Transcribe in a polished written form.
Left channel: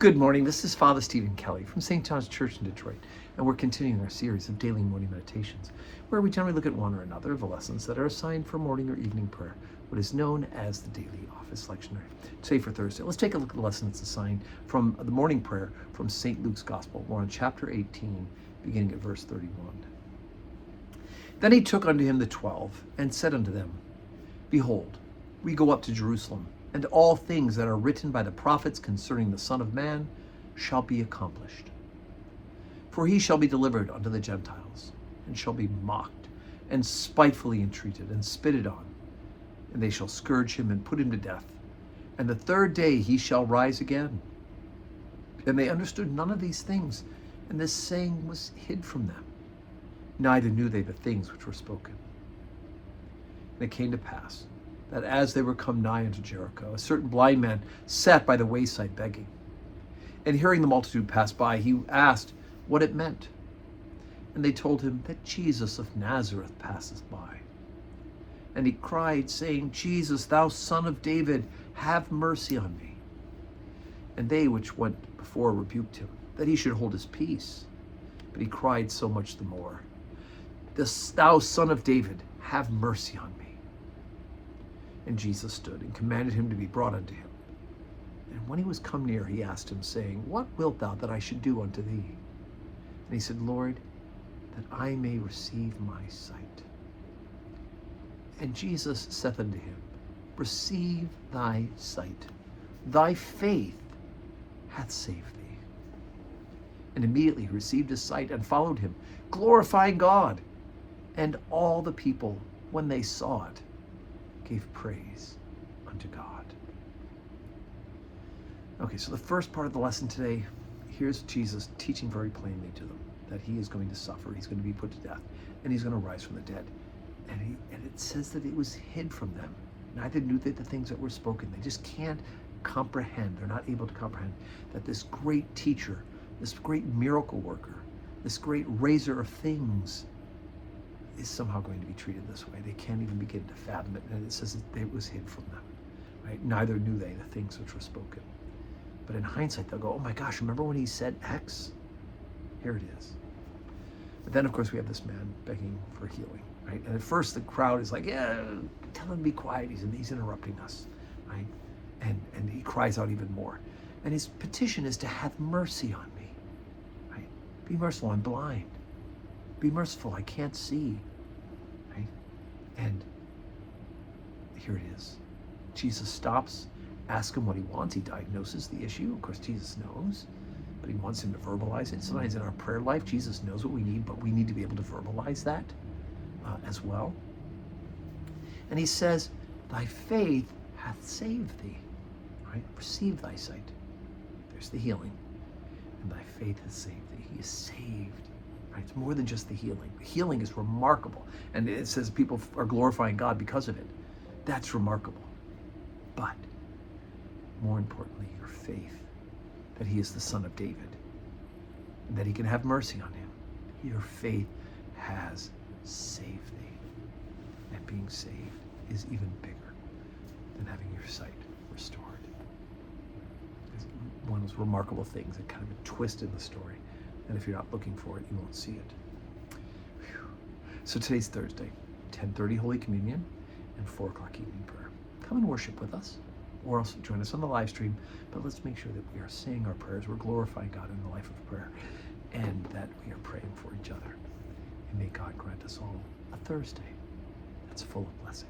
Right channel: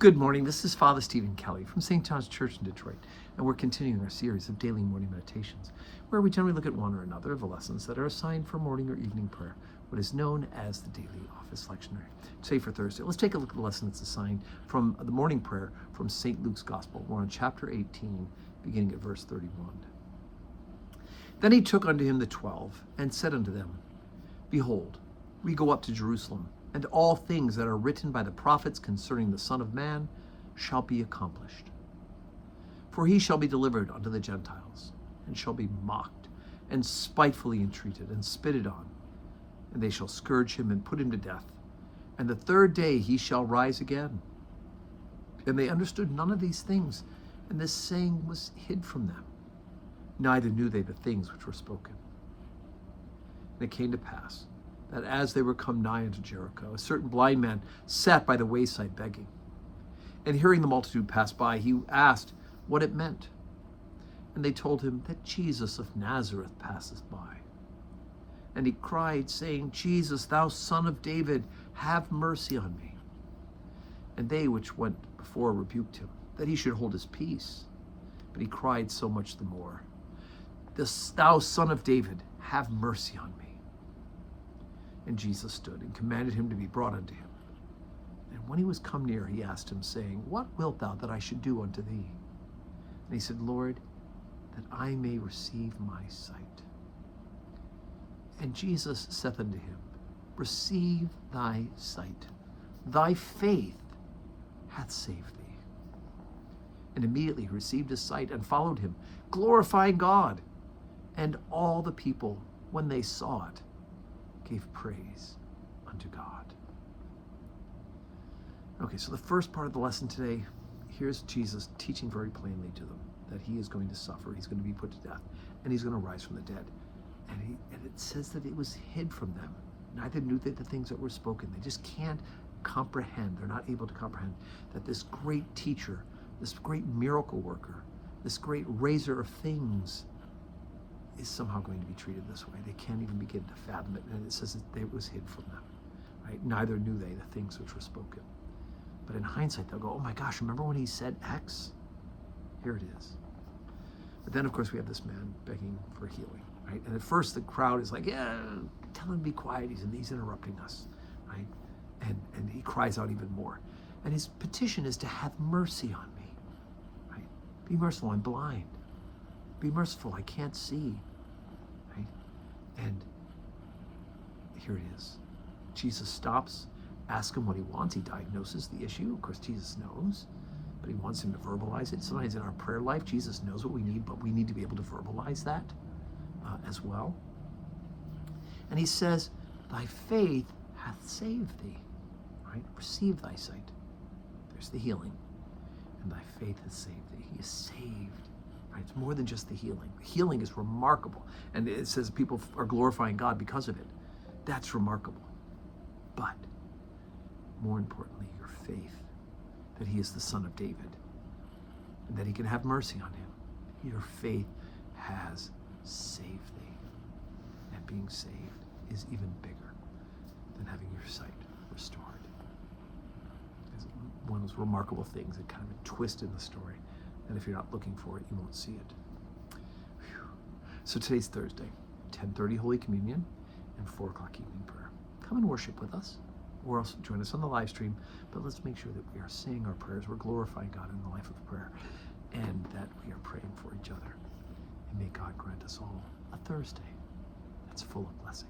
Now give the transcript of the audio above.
Good morning. This is Father Stephen Kelly from St. John's Church in Detroit, and we're continuing our series of daily morning meditations, where we generally look at one or another of the lessons that are assigned for morning or evening prayer, what is known as the daily office lectionary. Today for Thursday, let's take a look at the lesson that's assigned from the morning prayer from St. Luke's Gospel. We're on chapter 18, beginning at verse 31. Then he took unto him the 12, and said unto them, Behold, we go up to Jerusalem, and all things that are written by the prophets concerning the Son of Man shall be accomplished. For he shall be delivered unto the Gentiles, and shall be mocked, and spitefully entreated, and spitted on. And they shall scourge him, and put him to death. And the third day he shall rise again. And they understood none of these things, and this saying was hid from them. Neither knew they the things which were spoken. And it came to pass, that as they were come nigh unto Jericho, a certain blind man sat by the wayside begging. And hearing the multitude pass by, he asked what it meant. And they told him that Jesus of Nazareth passeth by. And he cried, saying, Jesus, thou Son of David, have mercy on me. And they which went before rebuked him, that he should hold his peace. But he cried so much the more, Thou Son of David, have mercy on me. And Jesus stood and commanded him to be brought unto him. And when he was come near, he asked him, saying, What wilt thou that I should do unto thee? And he said, Lord, that I may receive my sight. And Jesus saith unto him, Receive thy sight. Thy faith hath saved thee. And immediately he received his sight and followed him, glorifying God. And all the people, when they saw it, gave praise unto God. Okay, so the first part of the lesson today, here's Jesus teaching very plainly to them that he is going to suffer, he's going to be put to death, and he's going to rise from the dead. And it says that it was hid from them. Neither knew they the things that were spoken. They just can't comprehend. They're not able to comprehend that this great teacher, this great miracle worker, this great raiser of things is somehow going to be treated this way. They can't even begin to fathom it. And it says that it was hid from them, right? Neither knew they the things which were spoken. But in hindsight, they'll go, oh my gosh, remember when he said X? Here it is. But then, of course, we have this man begging for healing, right? And at first, the crowd is like, yeah, tell him to be quiet. He's interrupting us, right? And he cries out even more. And his petition is to have mercy on me, right? Be merciful, I'm blind. Be merciful, I can't see, right? And here it is. Jesus stops, asks him what he wants. He diagnoses the issue. Of course, Jesus knows, but he wants him to verbalize it. Sometimes in our prayer life, Jesus knows what we need, but we need to be able to verbalize that as well. And he says, thy faith hath saved thee, right? Receive thy sight. There's the healing. And thy faith has saved thee. He is saved. It's more than just the healing. The healing is remarkable. And it says people are glorifying God because of it. That's remarkable. But more importantly, your faith that he is the Son of David and that he can have mercy on him. Your faith has saved thee. And being saved is even bigger than having your sight restored. It's one of those remarkable things, a kind of a twist in the story. And if you're not looking for it, you won't see it. Whew. So today's Thursday, 10:30 Holy Communion and 4 o'clock evening prayer. Come and worship with us, or else join us on the live stream. But let's make sure that we are saying our prayers, we're glorifying God in the life of prayer, and that we are praying for each other. And may God grant us all a Thursday that's full of blessing.